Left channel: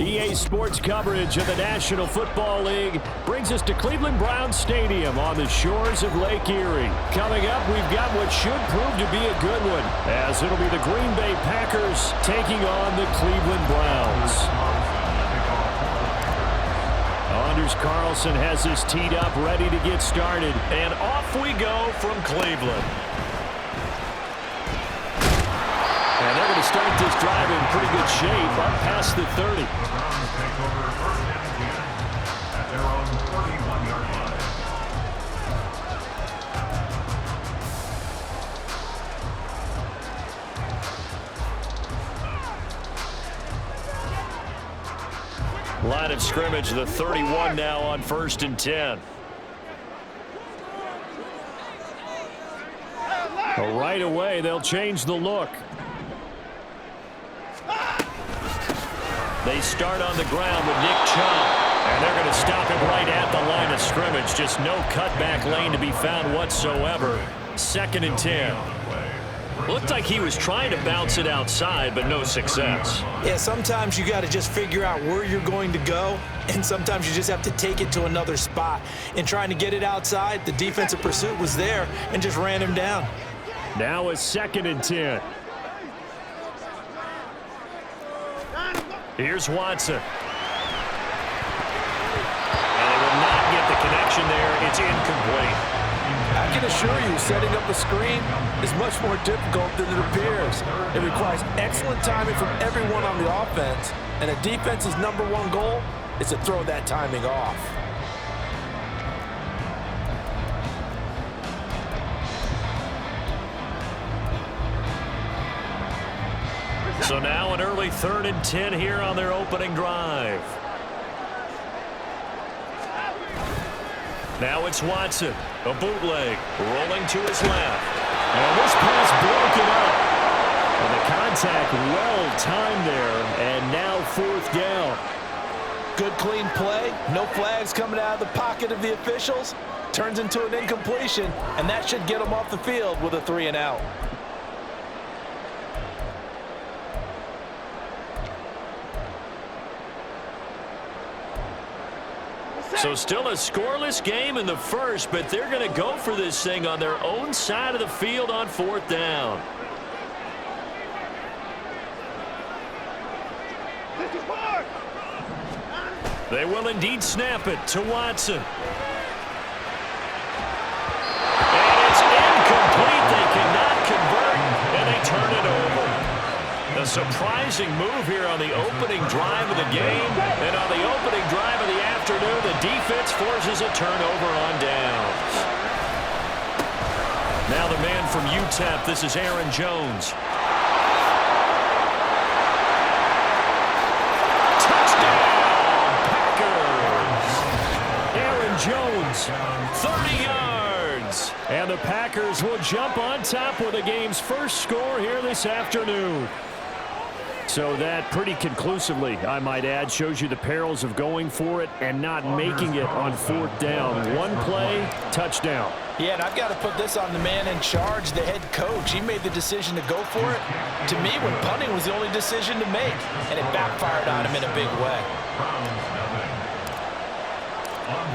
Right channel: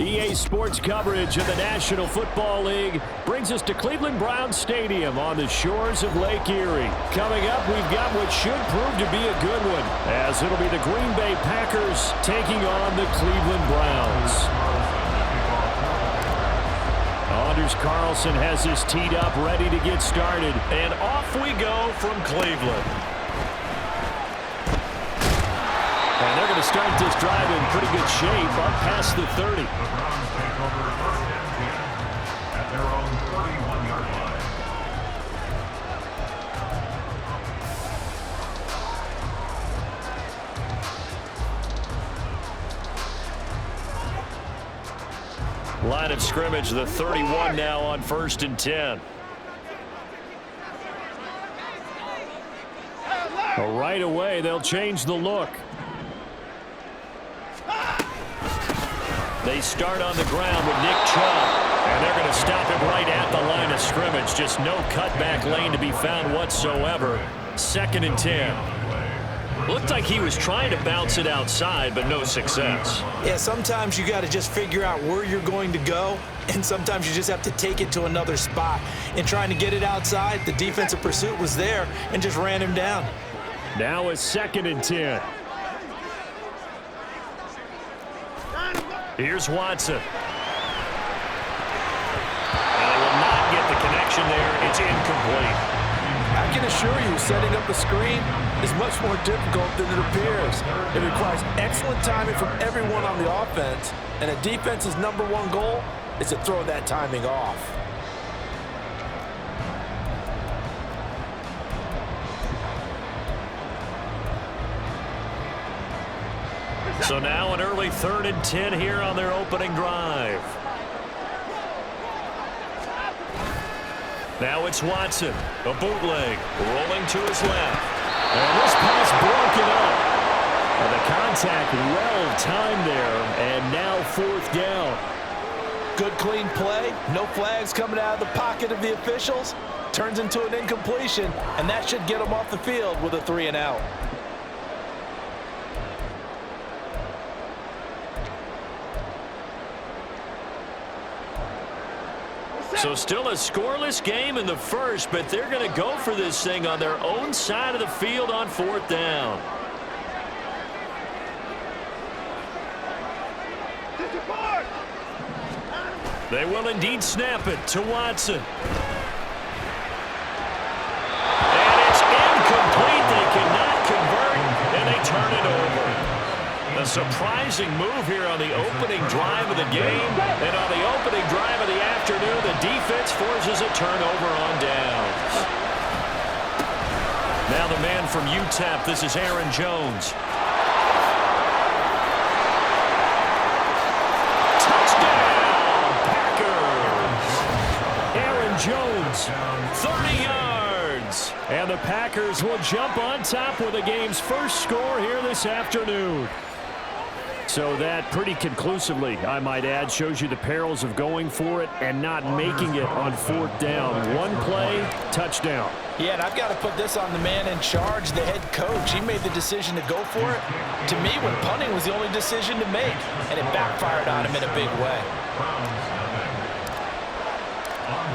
EA Sports coverage of the National Football League brings us to Cleveland Browns Stadium on the shores of Lake Erie. Coming up, we've got what should prove to be a good one, as it'll be the Green Bay Packers taking on the Cleveland Browns. Anders Carlson has this teed up, ready to get started. And off we go from Cleveland. And they're going to start this drive in pretty good shape, up past the 30. The Browns take over 1st and 10 at their own 31-yard line. Line of scrimmage, the 31 now on 1st and 10. Right away, they'll change the look. They start on the ground with Nick Chubb. And they're going to stop him right at the line of scrimmage. Just no cutback lane to be found whatsoever. 2nd and 10. Looked like he was trying to bounce it outside, but no success. Yeah, sometimes you got to just figure out where you're going to go, and sometimes you just have to take it to another spot. In trying to get it outside, the defensive pursuit was there and just ran him down. Now a 2nd and 10. Here's Watson. And they will not get the connection there. It's incomplete. I can assure you, setting up a screen is much more difficult than it appears. It requires excellent timing from everyone on the offense, and a defense's #1 goal is to throw that timing off. So now an early 3rd and 10 here on their opening drive. Now it's Watson, a bootleg, rolling to his left. And this pass broken up. And the contact well timed there, and now 4th down. Good clean play, no flags coming out of the pocket of the officials. Turns into an incompletion, and that should get them off the field with a 3 and out. So still a scoreless game in the first, but they're going to go for this thing on their own side of the field on 4th down. They will indeed snap it to Watson. And it's incomplete. They cannot convert, and they turn it over. A surprising move here on the opening drive of the game. And on the opening drive of the afternoon, the defense forces a turnover on downs. Now the man from UTEP, this is Aaron Jones. Touchdown, Packers! Aaron Jones, 30 yards. and the Packers will jump on top with the game's first score here this afternoon. So that pretty conclusively, I might add, shows you the perils of going for it and not making it on 4th down. One play, touchdown. Yeah, and I've got to put this on the man in charge, the head coach. He made the decision to go for it. To me, when punting was the only decision to make, and it backfired on him in a big way.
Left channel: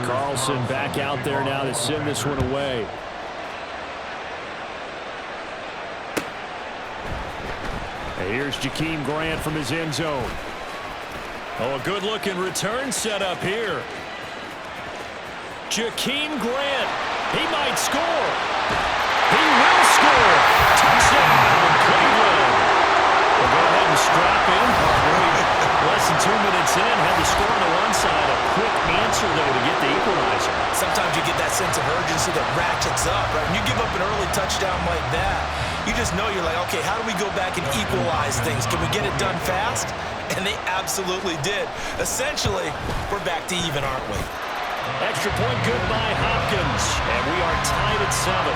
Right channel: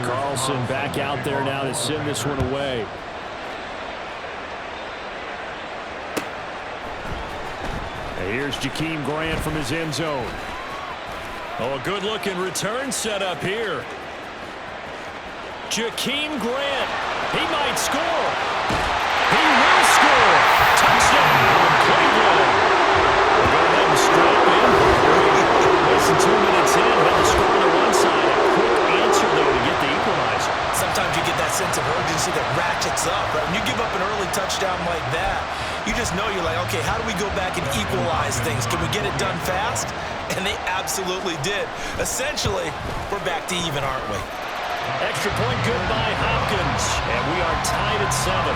Carlson back out there now to send this one away. And here's Jakeem Grant from his end zone. Oh, a good-looking return set up here. Jakeem Grant. He might score. He will score. Touchdown, Cleveland. We'll go ahead and strap in. Less than 2 minutes in. Had the score on the one side. A quick answer, though, to get the equalizer. Sometimes you get that sense of urgency that ratchets up, right? When you give up an early touchdown like that, you just know you're like, okay, how do we go back and equalize things? Can we get it done fast? And they absolutely did. Essentially, we're back to even, aren't we? Extra point good by Hopkins. And we are tied at 7.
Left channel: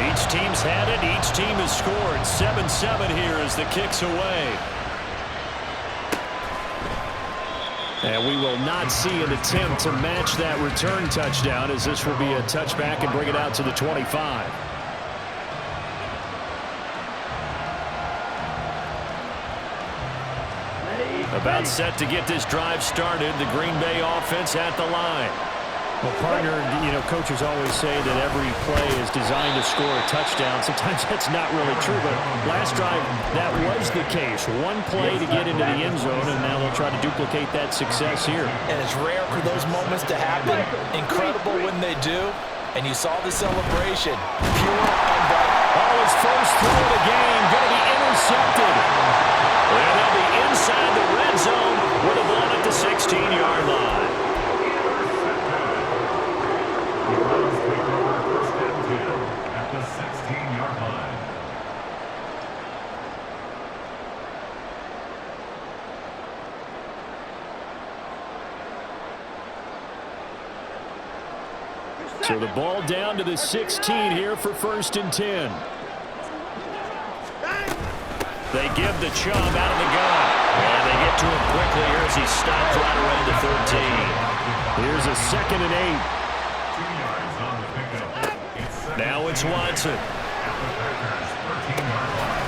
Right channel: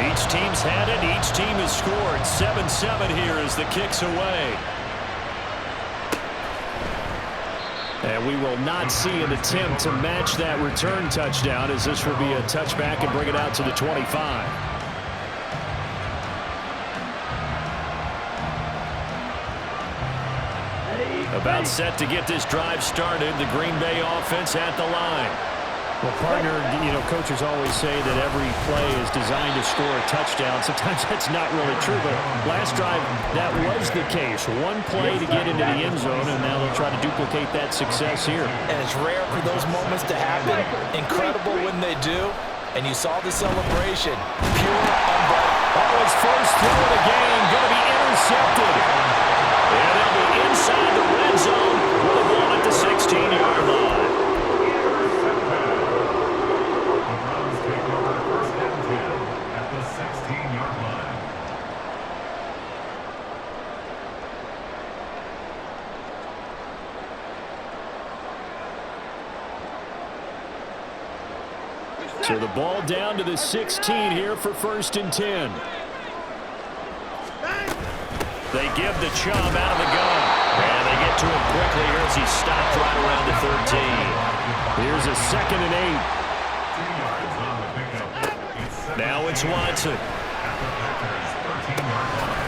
Each team's had it. Each team has scored. 7-7 here as the kick's away. And we will not see an attempt to match that return touchdown, as this will be a touchback and bring it out to the 25. About set to get this drive started. The Green Bay offense at the line. Well, partner, you know, coaches always say that every play is designed to score a touchdown. Sometimes that's not really true, but last drive, that was the case. One play to get into the end zone, and now they'll try to duplicate that success here. And it's rare for those moments to happen. Incredible when they do. And you saw the celebration. Pure, unbridled. Oh, his first throw of the game going to be intercepted. And they'll be inside the red zone with a ball at the 16-yard line. At the 16-yard line. So the ball down to the 16 here for 1st and 10. They give the Chubb out of the gun. And they get to him quickly here as he stopped right around the 13. Here's a 2nd and 8. 2 yards on the pickup. Now it's Watson. At the Packers' 13-yard line.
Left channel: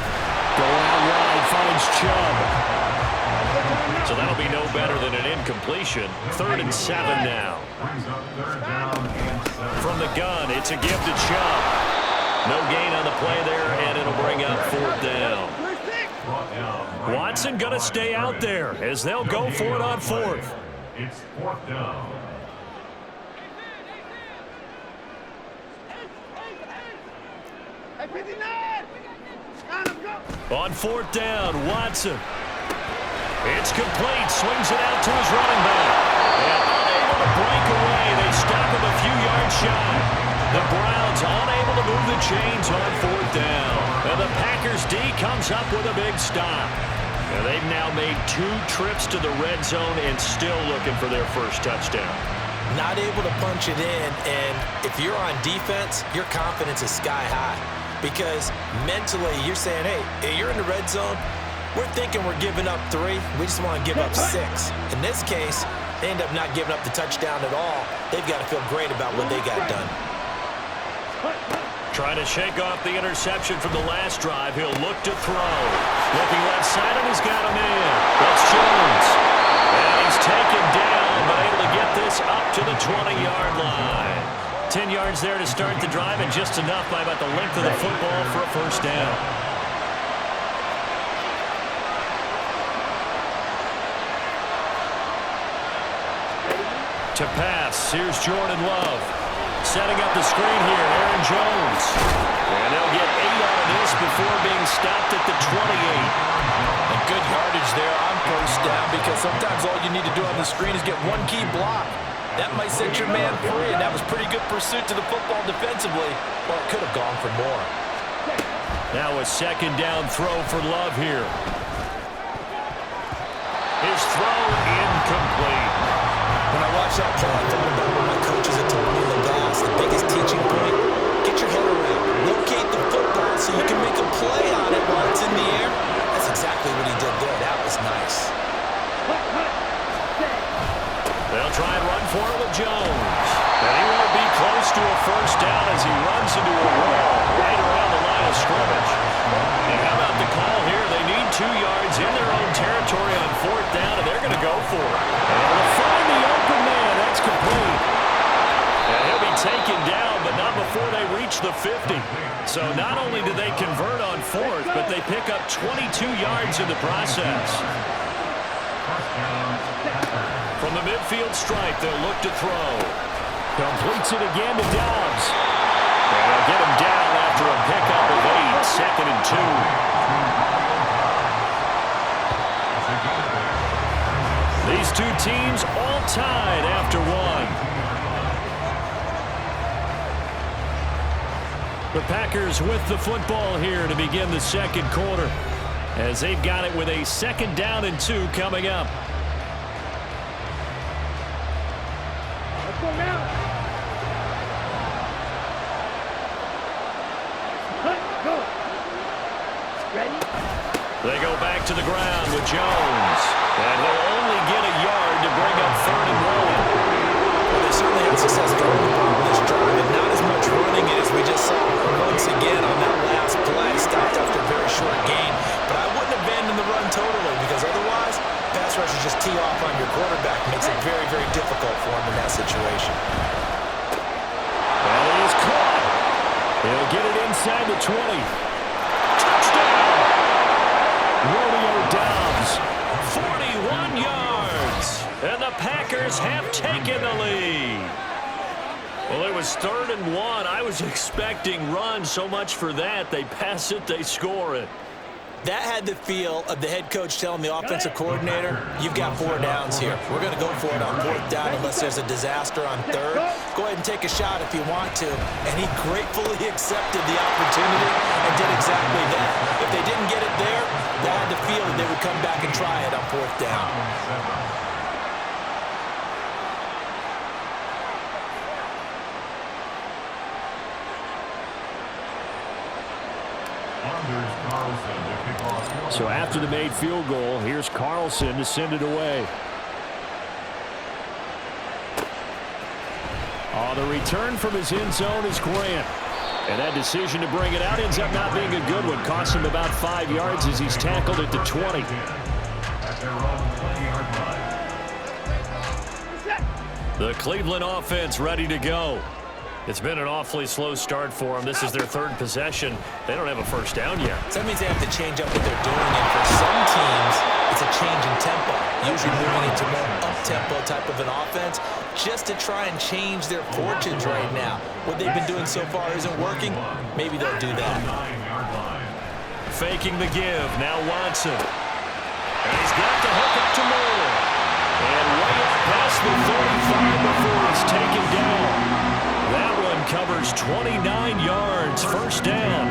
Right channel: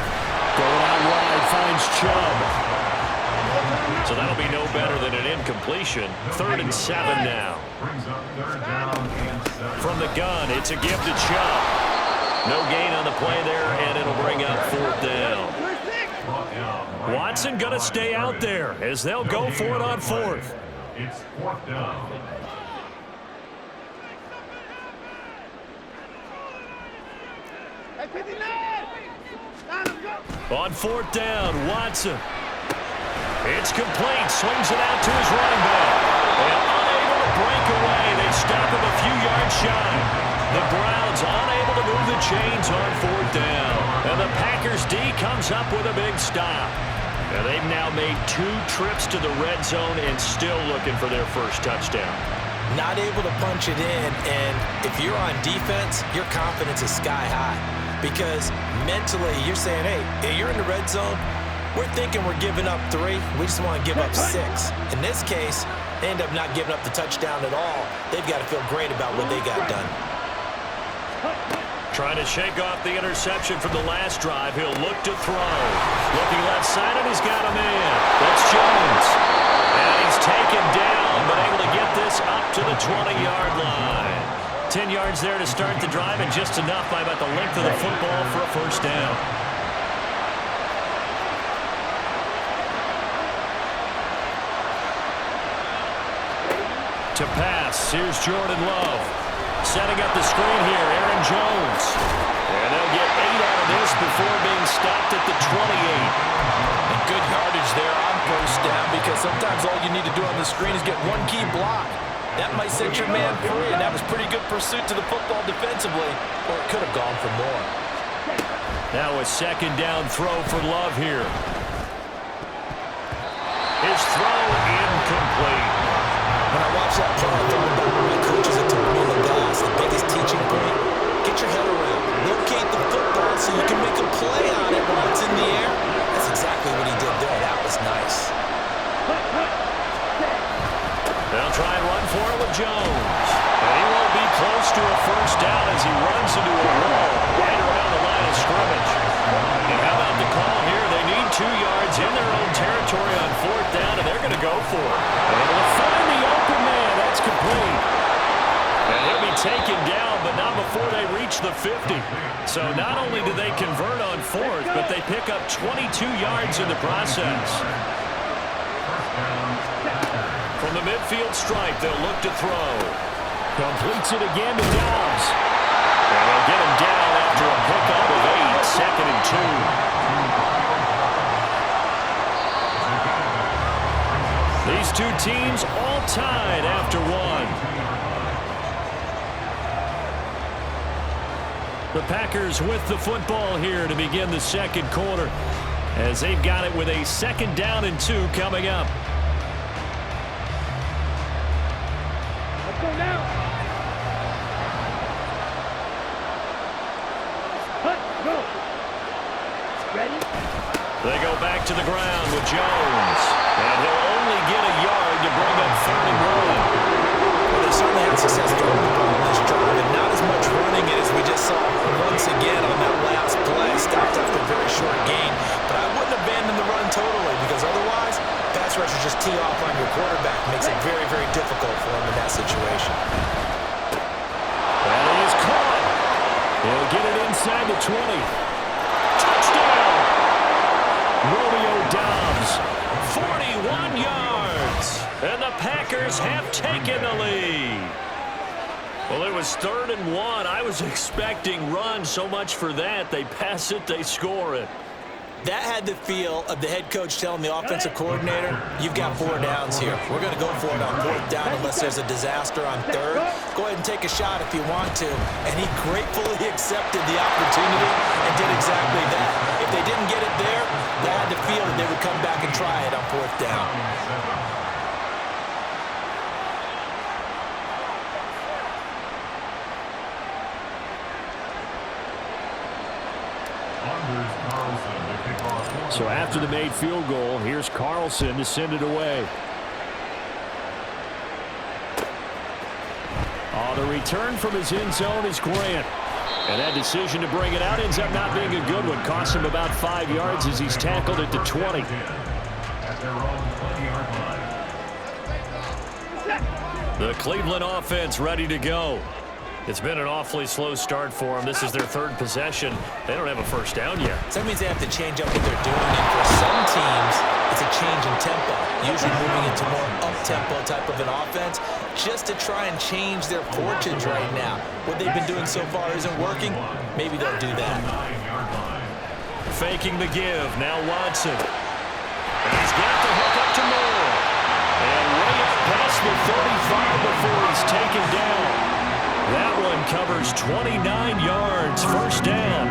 Going out wide, finds Chubb. So that'll be no better than an incompletion. 3rd and 7 now. Brings up 3rd down and 7. From the gun, it's a give to Chubb. No gain on the play there, and it'll bring up 4th down. Watson going to stay out there as they'll go for it on 4th. It's 4th down. On 4th down, Watson. It's complete. Swings it out to his running back. And unable to break away. They stop him a few yards shy. The Browns unable to move the chains on 4th down. And the Packers D comes up with a big stop. And they've now made 2 trips to the red zone and still looking for their first touchdown. Not able to punch it in, and if you're on defense, your confidence is sky high. Because mentally, you're saying, hey, you're in the red zone. We're thinking we're giving up 3. We just want to give up 6. In this case, they end up not giving up the touchdown at all. They've got to feel great about what they got done. Trying to shake off the interception from the last drive. He'll look to throw. Looking left side, and he's got a man. That's Jones. And he's taken down, but able to get this up to the 20-yard line. 10 yards there to start the drive, and just enough by about the length of the football for a first down. To pass, here's Jordan Love. Setting up the screen here, Aaron Jones. And they'll get 8 out of this before being stopped at the 28. And good yardage there on first down, because sometimes all you need to do on the screen is get one key block. That might set your man free, and that was pretty good pursuit to the football defensively, or it could have gone for more. Now a 2nd down throw for Love here. His throw incomplete. When I watched that play, I thought about what my coaches had told me in the past. The biggest teaching point, get your head around. Locate the football so you can make a play on it while it's in the air. That's exactly what he did there. That was nice. They'll try and run for it with Jones. And he won't be close to a first down as he runs into a wall right around the line of scrimmage. And how about the call here? They need 2 yards in their own territory on 4th down, and they're going to go for it. Able to find the open man. That's complete. And he'll be taken down, but not before they reach the 50. So not only do they convert on 4th, but they pick up 22 yards in the process. From the midfield stripe, they'll look to throw. Completes it again to Dobbs. And they'll get him down after a pickup of 8, 2nd and 2. These two teams all tied after 1. The Packers with the football here to begin the 2nd quarter, as they've got it with a 2nd down and 2 coming up. Let's go now. Go. Ready? They go back to the ground with Jones. And he'll only get a yard to bring up 3rd and 1. Well, they certainly had success throwing the ball in this drive, and not as much running it as we just saw once again on that last play. Stopped after a very short gain. But I wouldn't abandon the run totally, because otherwise, pass rushers just tee off on your quarterback. Makes it very, very difficult for him in that situation. And he is caught. He'll get it inside the 20. Touchdown! Romeo Doubs. 41 yards. And the Packers have taken the lead. Well, it was 3rd and 1. I was expecting run, so much for that. They pass it, they score it. That had the feel of the head coach telling the offensive coordinator, you've got 4 downs here. We're going to go for it on 4th down unless there's a disaster on 3rd. Go ahead and take a shot if you want to. And he gratefully accepted the opportunity and did exactly that. If they didn't get it there, they had the feel that they would come back and try it on 4th down. So after the made field goal, here's Carlson to send it away. The return from his end zone is Grant. And that decision to bring it out ends up not being a good one. Cost him about 5 yards as he's tackled at the 20. At their own 20-yard line. The Cleveland offense ready to go. It's been an awfully slow start for them. This is their 3rd possession. They don't have a 1st down yet. So that means they have to change up what they're doing. And for some teams, it's a change in tempo. Usually moving into more up-tempo type of an offense just to try and change their fortunes right now. What they've been doing so far isn't working. Maybe they'll do that. Faking the give. Now Watson. And he's got the hook up to Moore. And way up past the 35 before he's taken down. That one covers 29 yards, 1st down.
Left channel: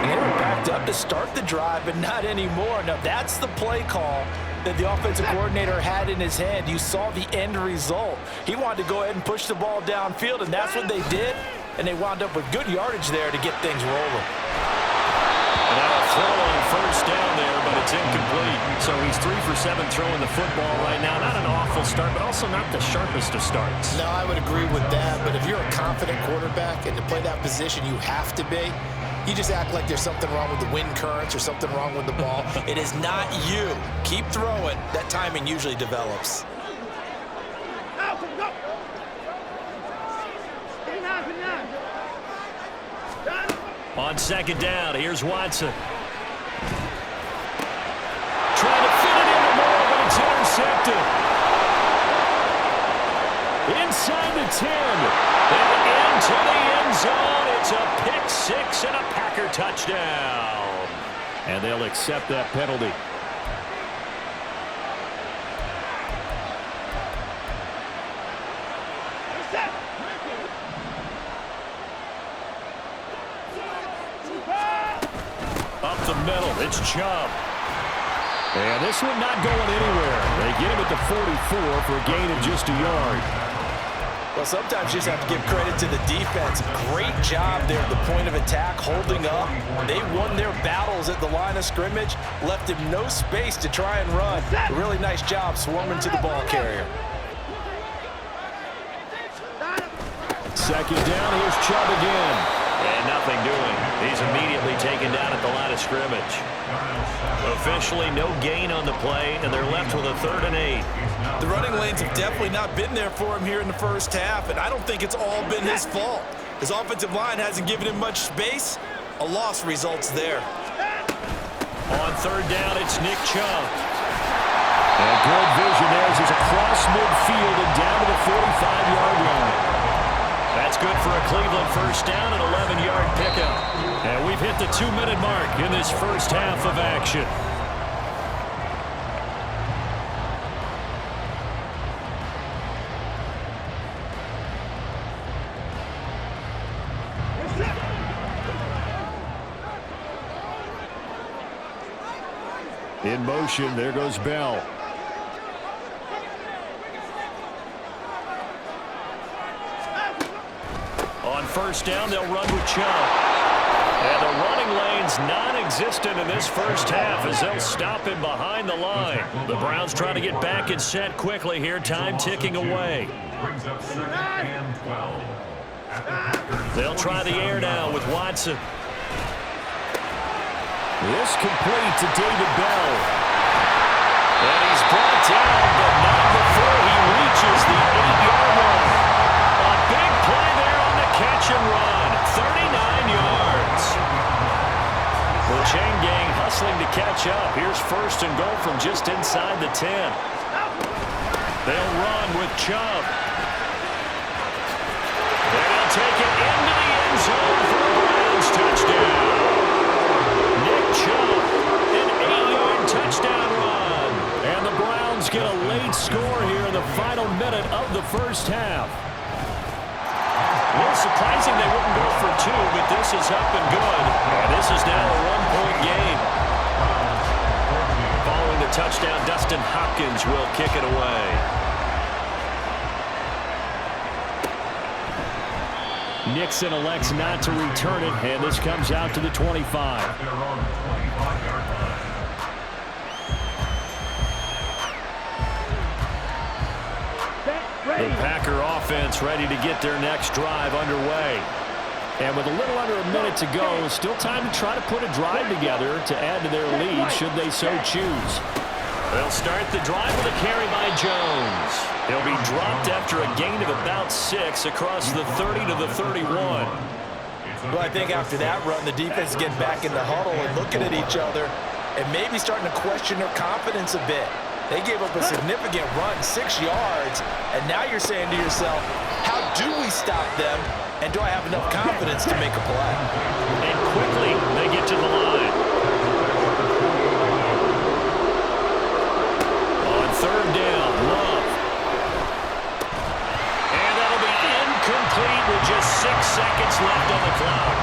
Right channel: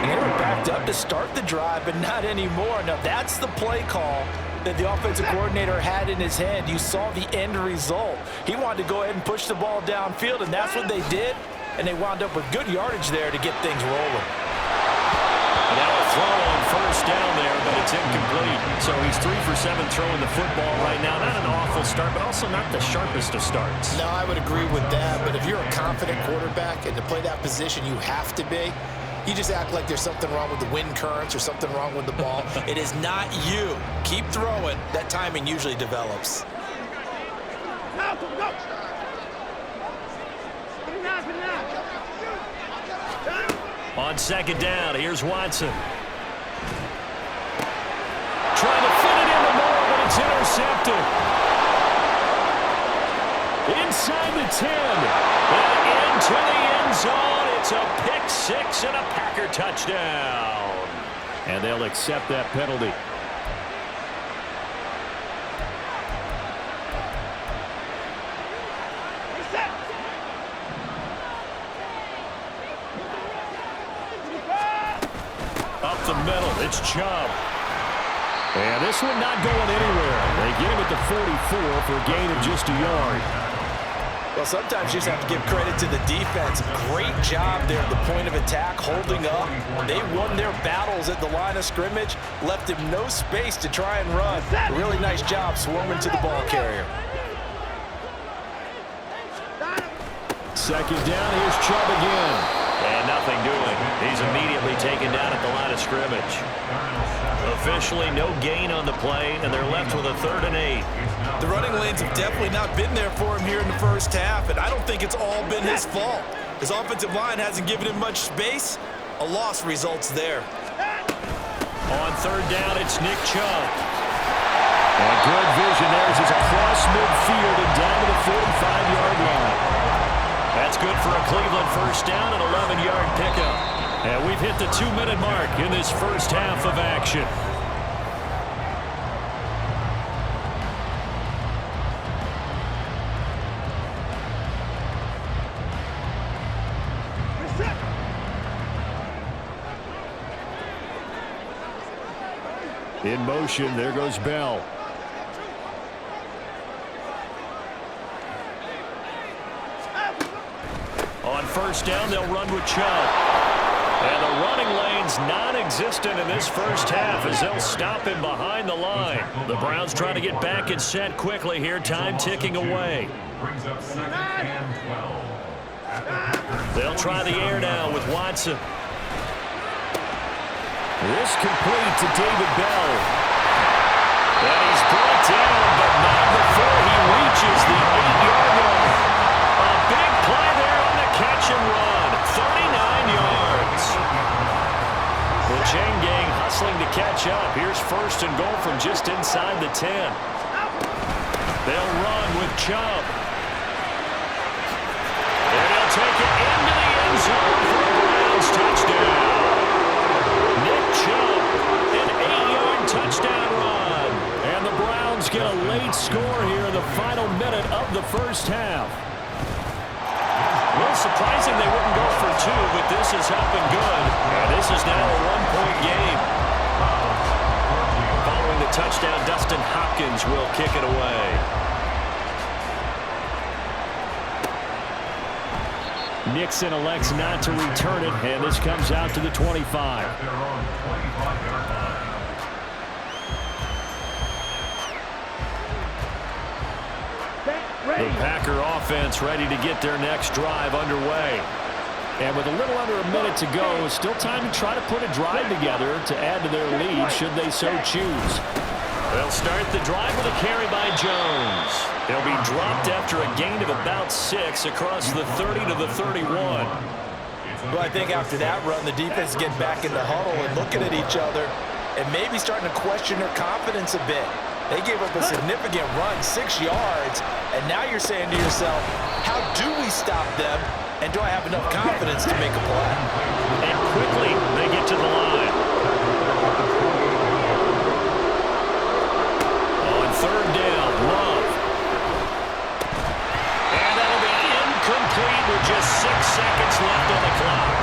And they were backed up to start the drive, but not anymore. Now, that's the play call that the offensive coordinator had in his head. You saw the end result. He wanted to go ahead and push the ball downfield, and that's what they did. And they wound up with good yardage there to get things rolling. And now a throw on 1st down there, but it's incomplete. So he's 3 for 7 throwing the football right now. Not an awful start, but also not the sharpest of starts. No, I would agree with that. But if you're a confident quarterback and to play that position, you have to be. You just act like there's something wrong with the wind currents or something wrong with the ball. It is not you. Keep throwing. That timing usually develops. Now, go. Put it out. On 2nd down, here's Watson. Trying to fit it into Moore, but it's intercepted. Inside the 10. And into the end zone. It's a pick 6 and a Packer touchdown. And they'll accept that penalty. Up the middle, it's Chubb. And this one not going anywhere. They get him at the 44 for a gain of just a yard. Well, sometimes you just have to give credit to the defense. Great job there at the point of attack, holding up. They won their battles at the line of scrimmage, left him no space to try and run. A really nice job swarming to the ball carrier. 2nd down, here's Chubb again. And nothing doing. He's immediately taken down at the line of scrimmage. Officially no gain on the play, and they're left with a 3rd and 8. The running lanes have definitely not been there for him here in the 1st half, and I don't think it's all been his fault. His offensive line hasn't given him much space. A loss results there. On 3rd down, it's Nick Chubb. And good vision there as he's across midfield and down to the 45-yard line. That's good for a Cleveland 1st down and 11-yard pickup. And we've hit the 2-minute mark in this 1st half of action. In motion, there goes Bell. On 1st down, they'll run with Chubb. And the running lane's non-existent in this first half as they'll stop him behind the line. The Browns trying to get back and set quickly here. Time ticking away. Brings up 2nd and 12. They'll try the air now with Watson. This complete to David Bell. And he's brought down, but not before he reaches the 8-yard line. A big play there on the catch and run. 39 yards. The chain gang hustling to catch up. Here's 1st and goal from just inside the 10. They'll run with Chubb. And he'll take it into the end zone for a Browns touchdown. Nick Chubb, an 8-yard touchdown run. And the Browns get a late score here in the final minute of the first half. A little surprising they wouldn't go for 2, but this is up and good. And this is now a 1-point game. Following the touchdown, Dustin Hopkins will kick it away. Nixon elects not to return it, and this comes out to the 25. At their own 25-yard line. The Packer offense ready to get their next drive underway. And with a little under a minute to go, still time to try to put a drive together to add to their lead should they so choose. They'll start the drive with a carry by Jones. He'll be dropped after a gain of about 6 across the 30 to the 31. Well, I think after that run, the defense is getting back in the huddle and looking at each other and maybe starting to question their confidence a bit. They gave up a significant run, 6 yards, and now you're saying to yourself, how do we stop them, and do I have enough confidence to make a play? And quickly, they get to the line. On 3rd down, Love. And that'll be incomplete with just 6 seconds left on the clock.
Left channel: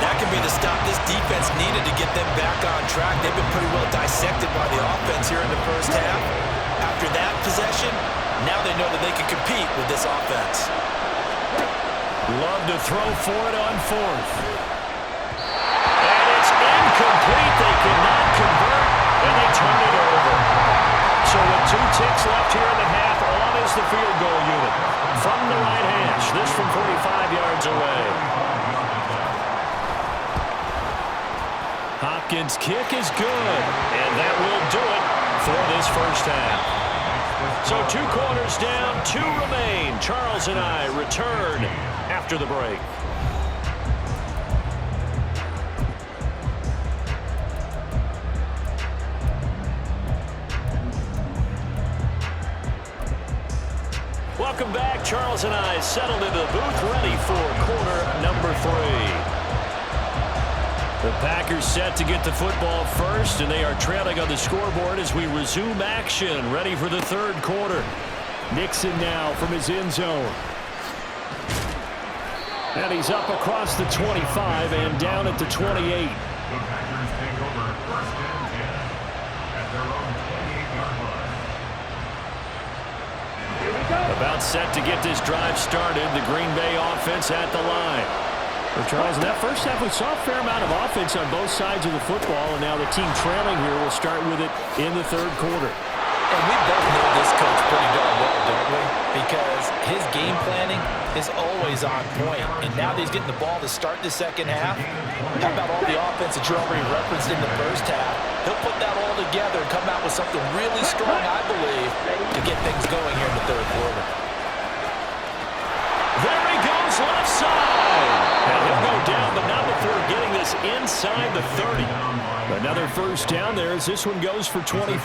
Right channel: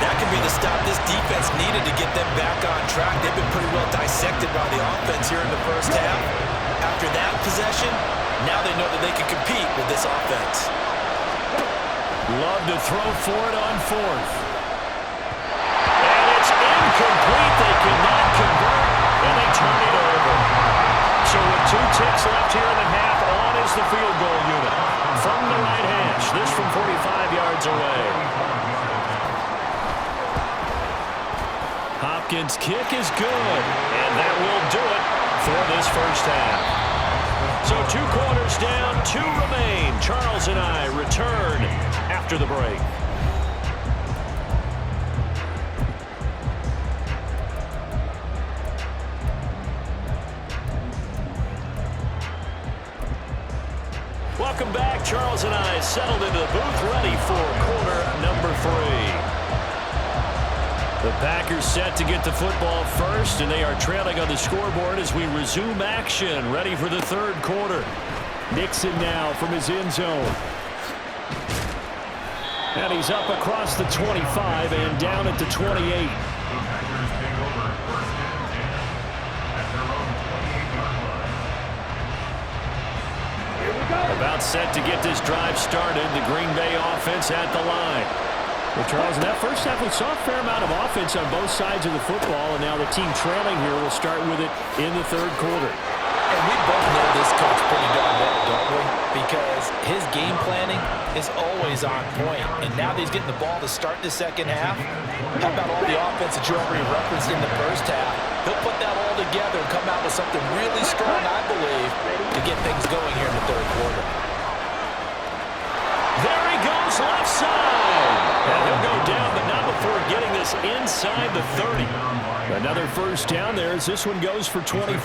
That could be the stop this defense needed to get them back on track. They've been pretty well dissected by the offense here in the first half. After that possession, now they know that they can compete with this offense. Love to throw for it on 4th. And it's incomplete. They cannot convert, and they turn it over. So with 2 ticks left here in the half, on is the field goal unit. From the right hash, this from 45 yards away. Hopkins' kick is good. And that will do it for this first half. So 2 quarters down, 2 remain. Charles and I return after the break. Welcome back. Charles and I settled into the booth, ready for quarter number 3. The Packers set to get the football first, and they are trailing on the scoreboard as we resume action, ready for the 3rd quarter. Nixon now from his end zone. And he's up across the 25 and down at the 28. The Packers take over 1st and 10 at their own 28-yard line. About set to get this drive started, the Green Bay offense at the line. Well, Charles, in that first half, we saw a fair amount of offense on both sides of the football, and now the team trailing here will start with it in the 3rd quarter. And we both know this coach pretty darn well, don't we? Because his game planning is always on point. And now that he's getting the ball to start the second half, how about all the offense that you already referenced in the first half? He'll put that all together and come out with something really strong, I believe, to get things going here in the 3rd quarter. There he goes, left side. And he'll go down, but not before getting this inside the 30. Another first down there as this one goes for 25.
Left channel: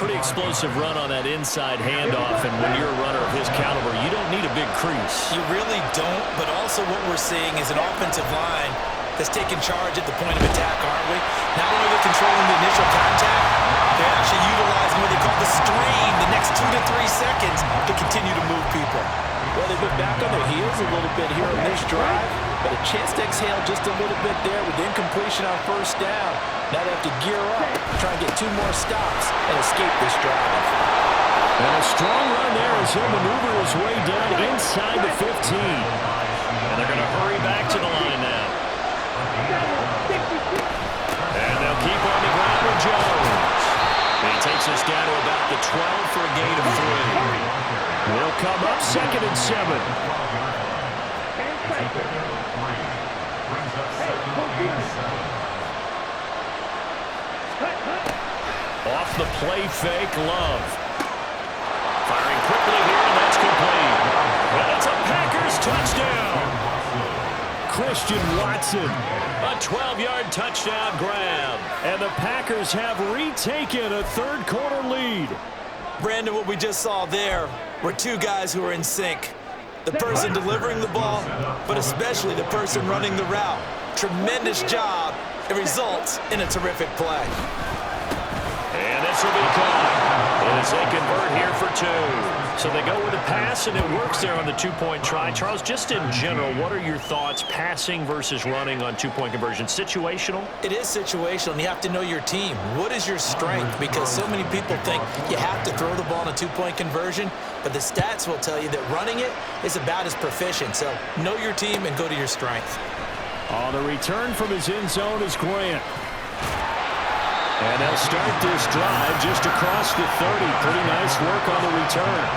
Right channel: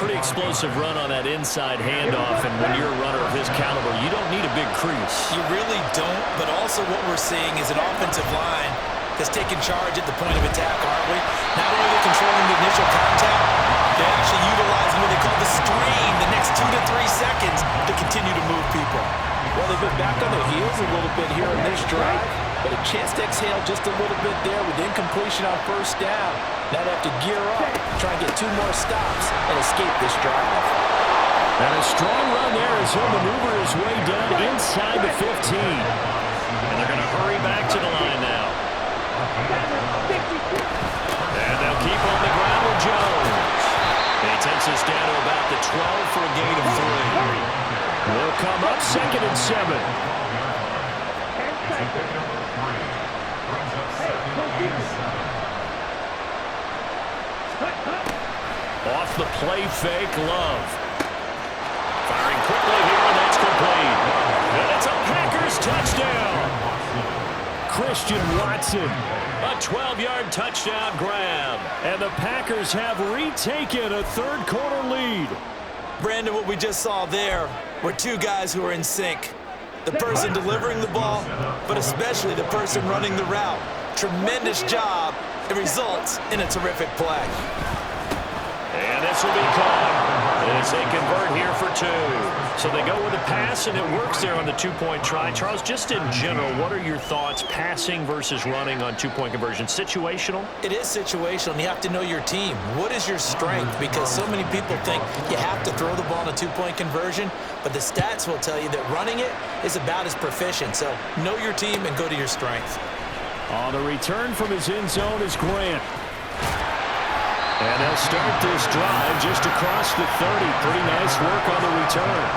Pretty explosive run on that inside handoff, and when you're a runner of his caliber, you don't need a big crease. You really don't, but also what we're seeing is an offensive line that's taking charge at the point of attack, aren't we? Not only are they controlling the initial contact, they're actually utilizing what they call the strain, the next 2 to 3 seconds to continue to move people. Well, they've been back on their heels a little bit here in this drive, but a chance to exhale just a little bit there with incompletion on first down. Now they have to gear up, try and get 2 more stops, and escape this drive. And a strong run there as he'll maneuver his way down inside the 15. And they're going to hurry back to the line now. And they'll keep on the ground with Jones. He takes us down to about the 12 for a gain of 3. They'll come up 2nd and 7. Off the play fake, Love. Firing quickly here, and that's complete. And it's a Packers touchdown. Christian Watson. A 12-yard touchdown grab. And the Packers have retaken a third-quarter lead. Brandon, what we just saw there were two guys who are in sync. The person delivering the ball, but especially the person running the route. Tremendous job. It results in a terrific play. And this will be caught as they convert here for 2. So they go with a pass, and it works there on the two-point try. Charles, just in general, what are your thoughts passing versus running on two-point conversion? Situational? It is situational, and you have to know your team. What is your strength? Because so many people think you have to throw the ball in a two-point conversion, but the stats will tell you that running it is about as proficient. So know your team and go to your strength. On the return from his end zone is Grant. And they'll start this drive just across the 30. Pretty nice work on the return.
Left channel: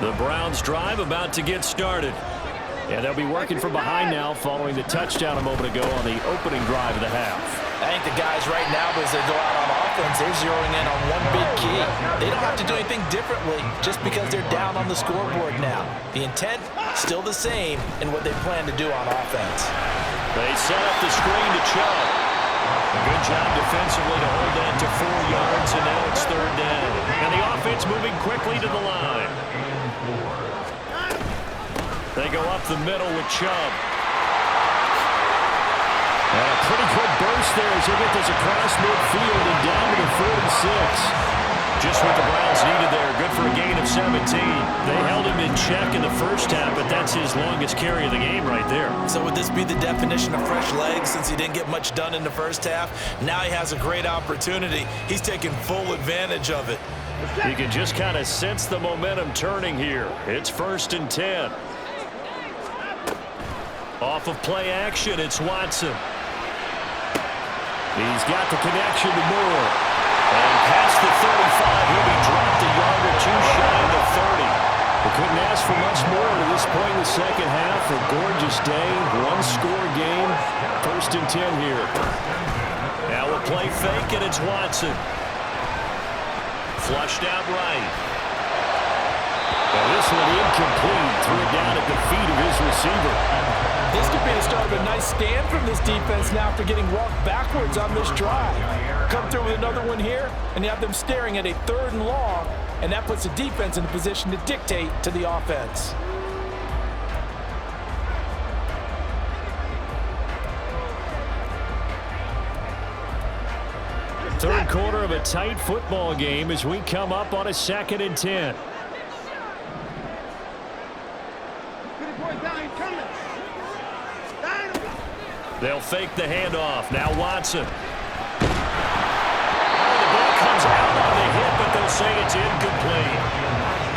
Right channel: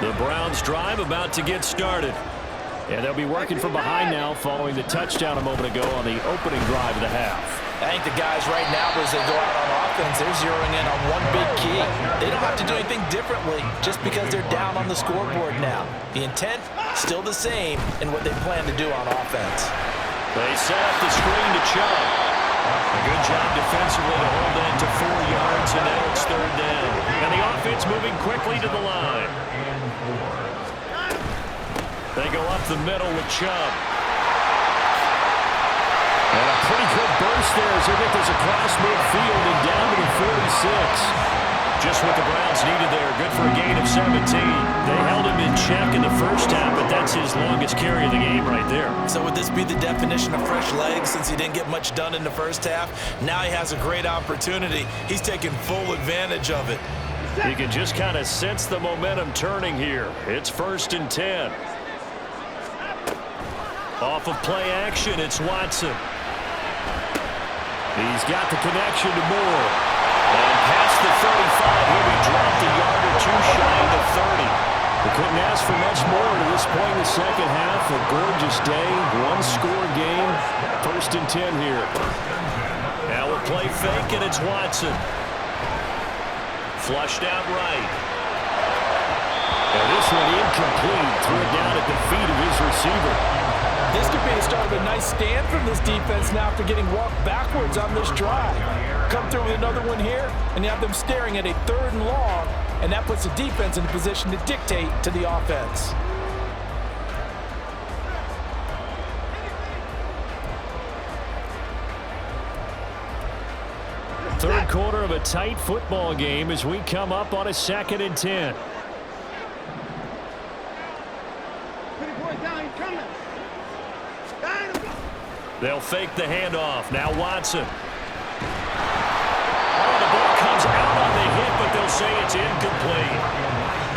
The Browns drive about to get started. And they'll be working from behind now following the touchdown a moment ago on the opening drive of the half. I think the guys right now, as they go out on offense, they're zeroing in on one big key. They don't have to do anything differently just because they're down on the scoreboard now. The intent, still the same in what they plan to do on offense. They set up the screen to Chubb. A good job defensively to hold that to 4 yards, and now it's 3rd down. And the offense moving quickly to the line. They go up the middle with Chubb. And a pretty good burst there as they get this across midfield and down to the 46. Just what the Browns needed there. Good for a gain of 17. They held him in check in the first half, but that's his longest carry of the game right there. So would this be the definition of fresh legs since he didn't get much done in the first half? Now he has a great opportunity. He's taking full advantage of it. You can just kind of sense the momentum turning here. It's 1st and 10. Off of play action, it's Watson. He's got the connection to Moore. And past the 35, he'll be dropped a yard or two shy of the 30. We couldn't ask for much more to this point in the second half. A gorgeous day, one-score game. 1st and 10 here. Now a play fake, and it's Watson. Flushed out right. And this one incomplete. Threw it down at the feet of his receiver. This could be the start of a nice stand from this defense now after getting walked backwards on this drive. Come through with another one here, and you have them staring at a 3rd and long, and that puts the defense in a position to dictate to the offense. Third quarter of a tight football game as we come up on a 2nd and 10. They'll fake the handoff. Now Watson. Oh, the ball comes out on the hit, but they'll say it's incomplete.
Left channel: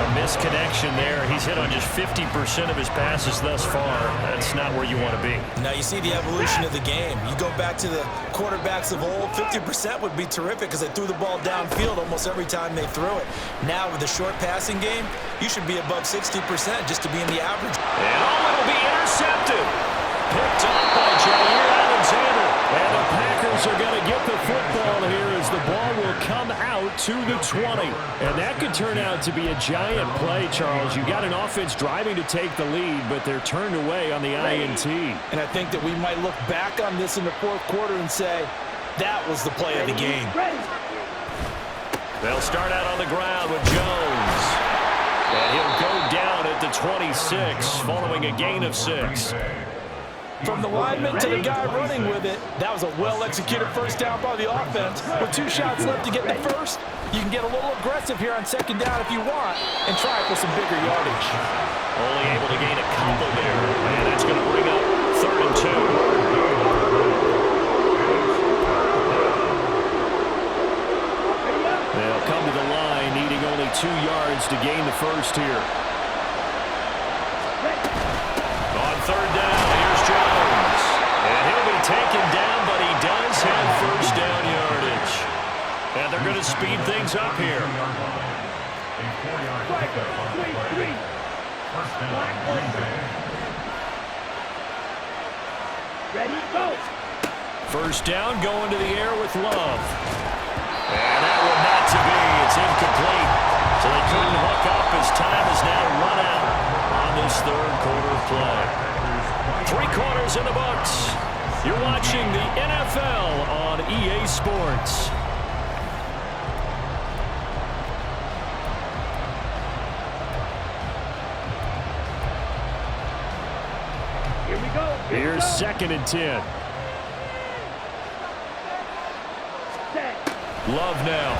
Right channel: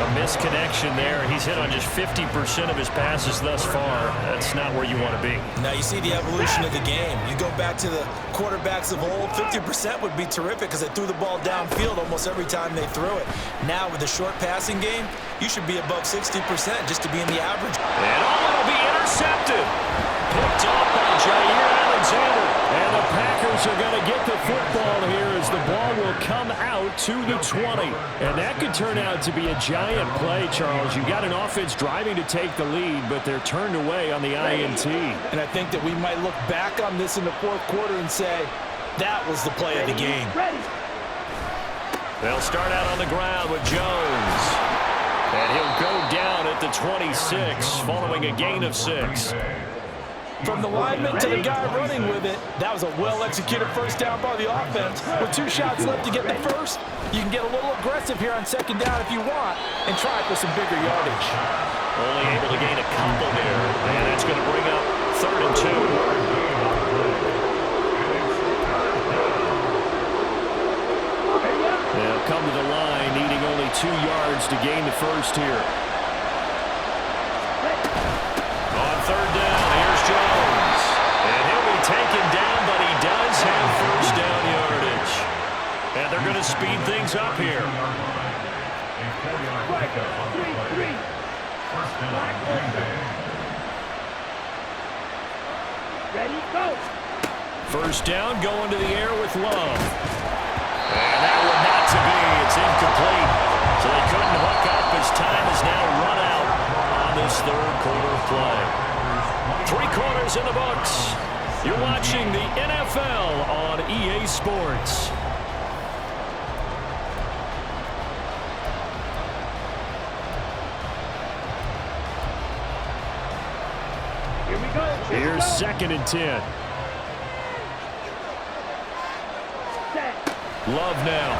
A misconnection there. He's hit on just 50% of his passes thus far. That's not where you want to be. Now you see the evolution of the game. You go back to the quarterbacks of old, 50% would be terrific because they threw the ball downfield almost every time they threw it. Now with the short passing game, you should be above 60% just to be in the average. And it'll be intercepted. Picked off by Jair Alexander. And the Packers are going to get the football here as the ball will come out to the 20. And that could turn out to be a giant play, Charles. You got an offense driving to take the lead, but they're turned away on the INT. And I think that we might look back on this in the 4th quarter and say, that was the play of the game. They'll start out on the ground with Jones. And he'll go down at the 26 following a gain of 6. From the lineman to the guy running with it, that was a well-executed first down by the offense. With 2 shots left to get the first, you can get a little aggressive here on 2nd down if you want and try for some bigger yardage. Only able to gain a couple there, and that's going to bring up 3rd and 2. They'll come to the line needing only 2 yards to gain the first here. On third down, here's Jones. And he'll be taken down, but he does have first down yardage. And they're going to speed things up here. A 4-yard pickup on the play. First down, Green Bay. Ready, go. First down, going to the air with Love. And that one not to be. It's incomplete. So they couldn't hook up as time is now run out on this third quarter of play. 3 quarters in the books. You're watching the NFL on EA Sports. Here we go. Here's 2nd and 10. Set. Love now.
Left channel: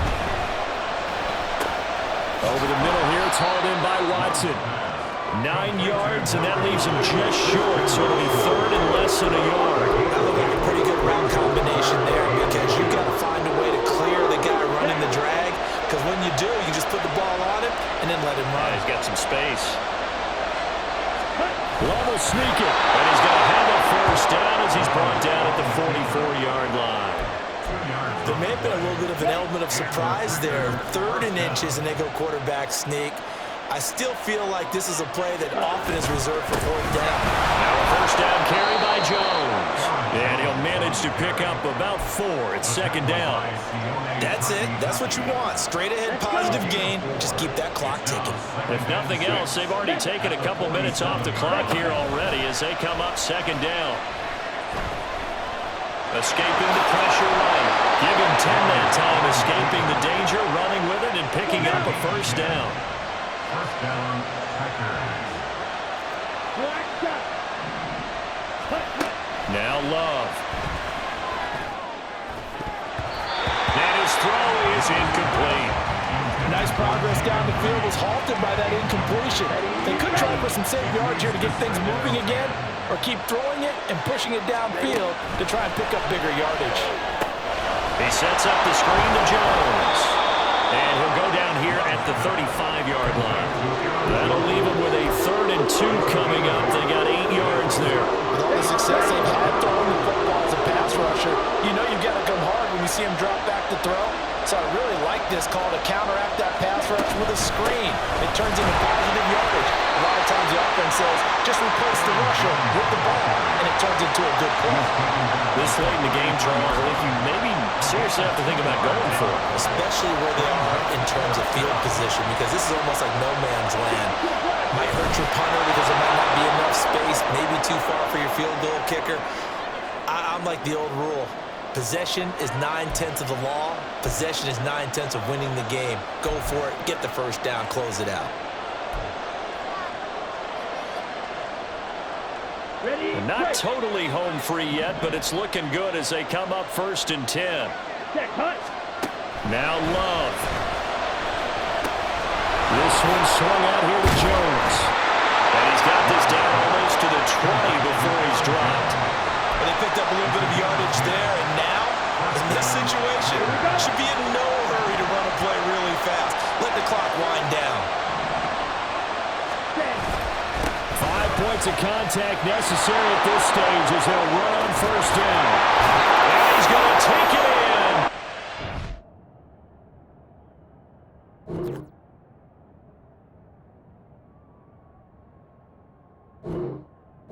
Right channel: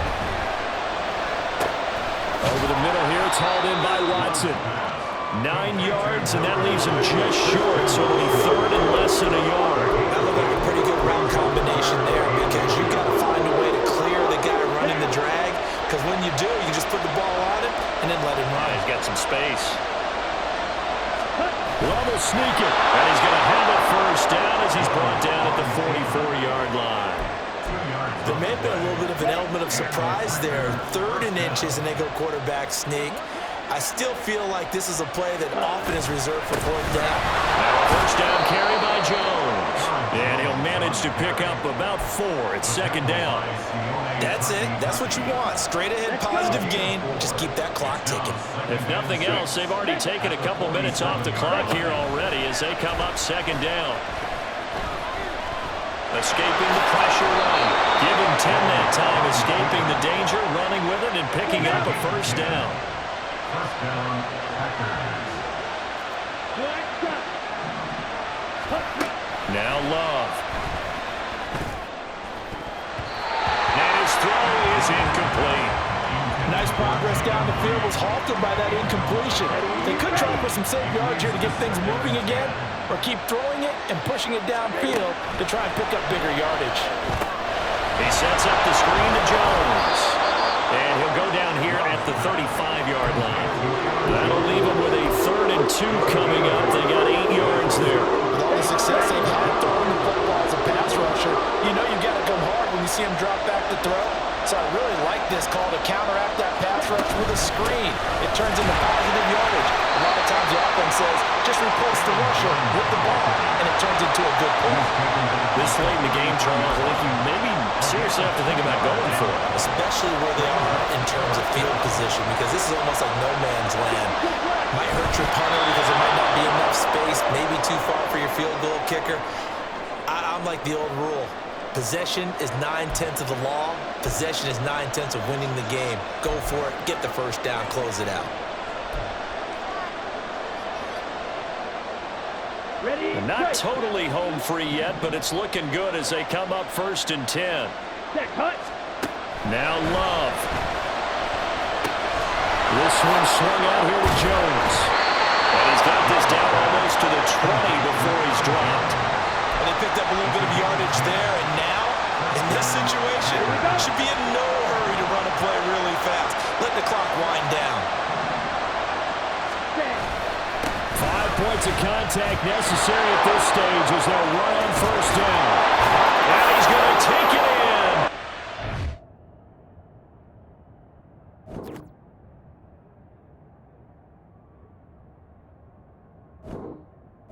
Over the middle here, it's hauled in by Watson. 9 yards, and that leaves him just short, so it'll be 3rd and less than a yard. That looked like a pretty good route combination there because you've got to find a way to clear the guy running the drag, because when you do, you can just put the ball on him and then let him run. He's got some space. Love will sneak it, and he's going to have a first down as he's brought down at the 44-yard line. There may have been a little bit of an element of surprise there. 3rd and inches, and they go quarterback sneak. I still feel like this is a play that often is reserved for 4th down. Now a first down carry by Jones. And he'll manage to pick up about 4. It's 2nd down. That's it. That's what you want. Straight ahead, positive gain. Just keep that clock ticking. If nothing else, they've already taken a couple minutes off the clock here already as they come up 2nd down. Escaping the pressure right. Give him 10 that time, escaping the danger, running with it, and picking up a first down. First down, Packers. Now Love. And his throw is incomplete. Nice progress down the field was halted by that incompletion. They could try for some safe yards here to get things moving again, or keep throwing it and pushing it downfield to try and pick up bigger yardage. He sets up the screen to Jones. And he'll go down here at the 35-yard line. That'll leave him with a 3rd and 2 coming up. They got 8 yards there. With all the success they've had throwing the football as a pass rusher, you know you've got to come hard when you see him drop back to throw. So I really like this call to counteract that pass rush with a screen. It turns into positive yardage. A lot of times the offense says, just replace the rusher with the ball, and it turns into a good play. This late in the game, Charles, I think you maybe seriously have to think about going for it. Especially where they are in terms of field position, because this is almost like no man's land. Might hurt your punter because there might not be enough space, maybe too far for your field goal kicker. I'm like the old rule. Possession is 9/10 of the law. Possession is 9/10 of winning the game. Go for it. Get the first down. Close it out. Ready, Not totally home free yet, but it's looking good as they come up 1st and 10. set, cut. Now Love. This one swung out here to Jones. And he's got this down almost to the 20 before he's dropped. And they picked up a little bit of yardage there, and now, in this situation, should be in no hurry to run a play really fast. Let the clock wind down. 5 points of contact necessary at this stage as they'll run on first down. And he's going to take it in.